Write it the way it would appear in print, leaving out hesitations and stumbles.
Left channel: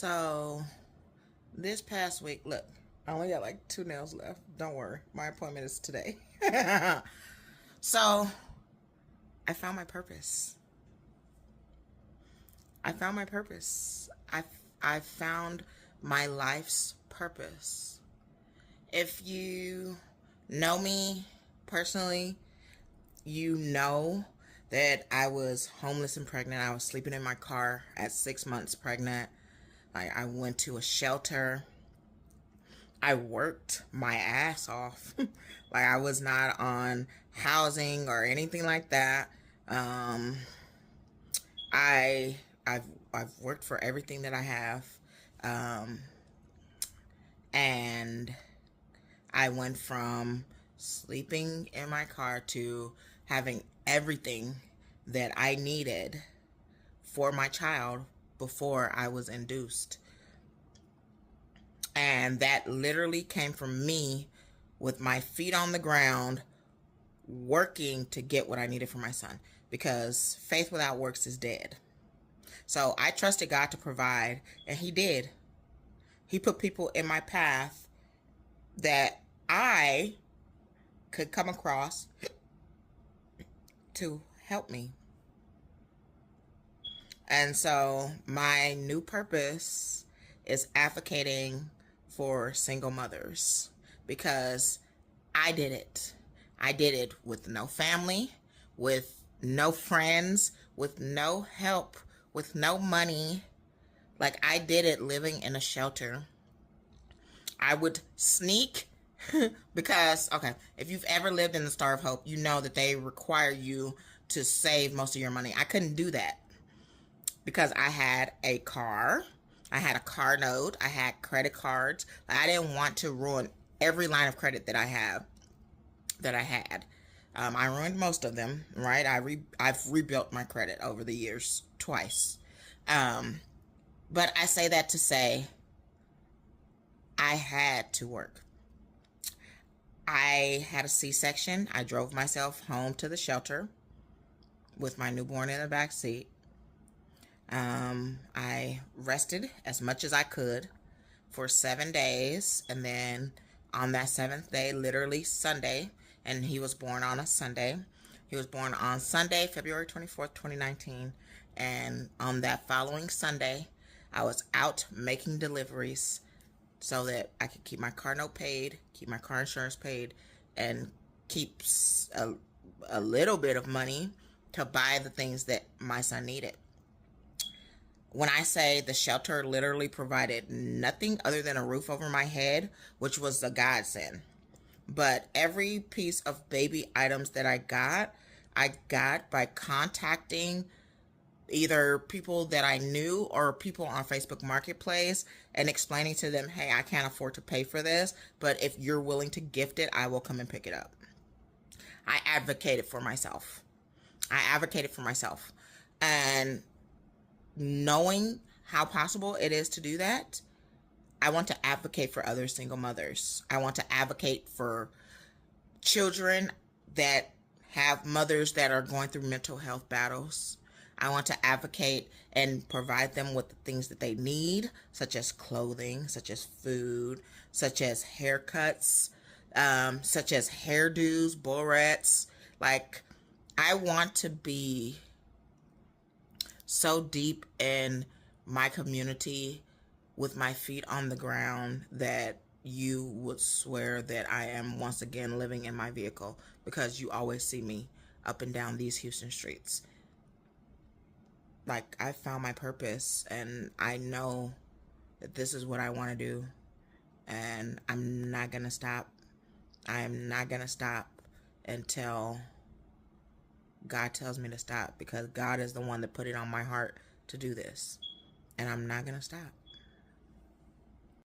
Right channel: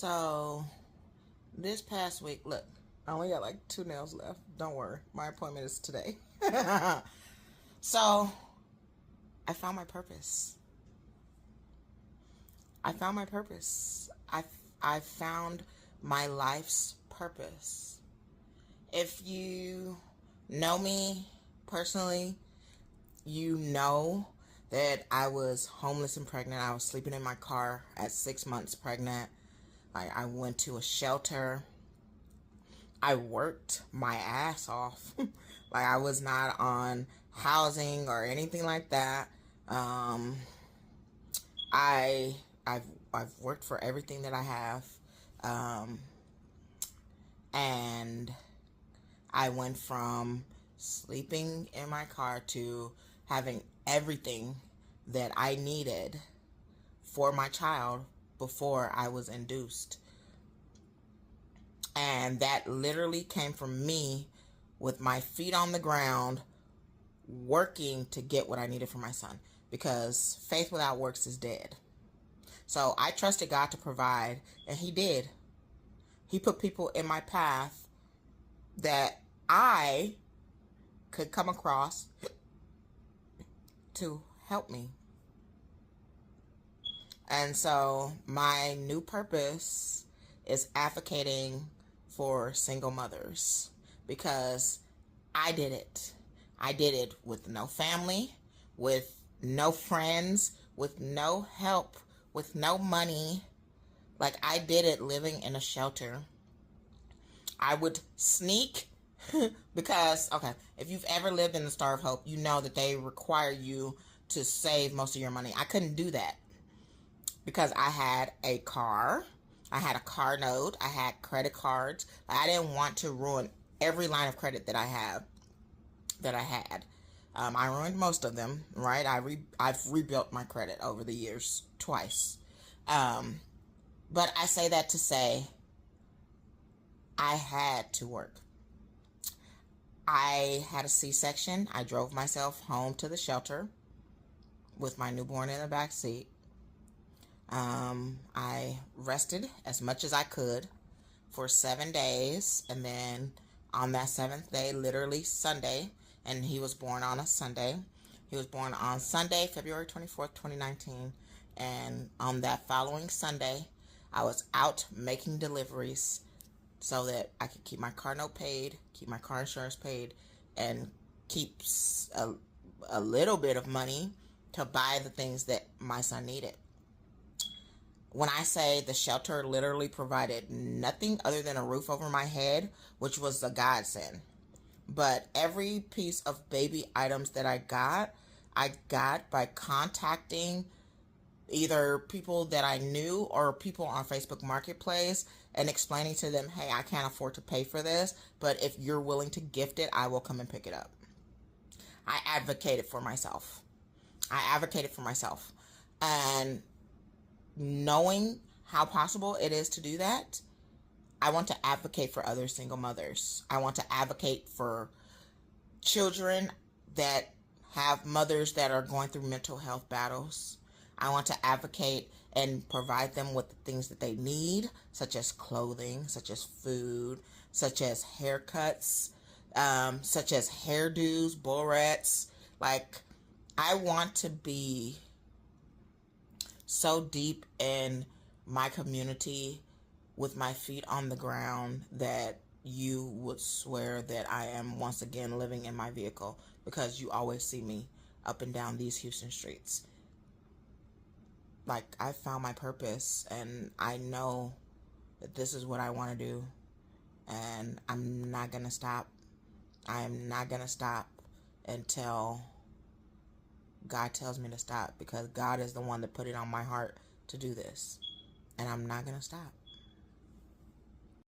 So this past week, look, I only got like 2 nails left. Don't worry, my appointment is today. So I found my purpose. I found my purpose. I found my life's purpose. If you know me personally, you know that I was homeless and pregnant. I was sleeping in my car at 6 months pregnant. Like, I went to a shelter. I worked my ass off. Like, I was not on housing or anything like that. I've worked for everything that I have. And I went from sleeping in my car to having everything that I needed for my child before I was induced. And that literally came from me with my feet on the ground, working to get what I needed for my son, because faith without works is dead. So I trusted God to provide, and He did. He put people in my path that I could come across to help me. And so my new purpose is advocating for single mothers, because I did it. I did it with no family, with no friends, with no help, with no money. Like, I did it living in a shelter. I would sneak because, okay, if you've ever lived in the Star of Hope, you know that they require you to save most of your money. I couldn't do that because I had a car. I had a car note. I had credit cards. I didn't want to ruin every line of credit that I had. I ruined most of them, right? I've rebuilt my credit over the years twice. But I say that to say I had to work. I had a C-section. I drove myself home to the shelter with my newborn in the back seat. I rested as much as I could for 7 days. And then on that 7th day, literally Sunday, and he was born on a Sunday. He was born on Sunday, February 24th, 2019. And on that following Sunday, I was out making deliveries so that I could keep my car note paid, keep my car insurance paid, and keep a little bit of money to buy the things that my son needed. When I say the shelter literally provided nothing other than a roof over my head, which was a godsend. But every piece of baby items that I got by contacting either people that I knew or people on Facebook Marketplace and explaining to them, hey, I can't afford to pay for this, but if you're willing to gift it, I will come and pick it up. I advocated for myself. And knowing how possible it is to do that, I want to advocate for other single mothers. I want to advocate for children that have mothers that are going through mental health battles. I want to advocate and provide them with the things that they need, such as clothing, such as food, such as haircuts, such as hairdos, barrettes. Like, I want to be so deep in my community with my feet on the ground that you would swear that I am once again living in my vehicle, because you always see me up and down these Houston streets. Like, I found my purpose, and I know that this is what I want to do, and I'm not going to stop. I'm not going to stop until God tells me to stop, because God is the one that put it on my heart to do this, and I'm not going to stop.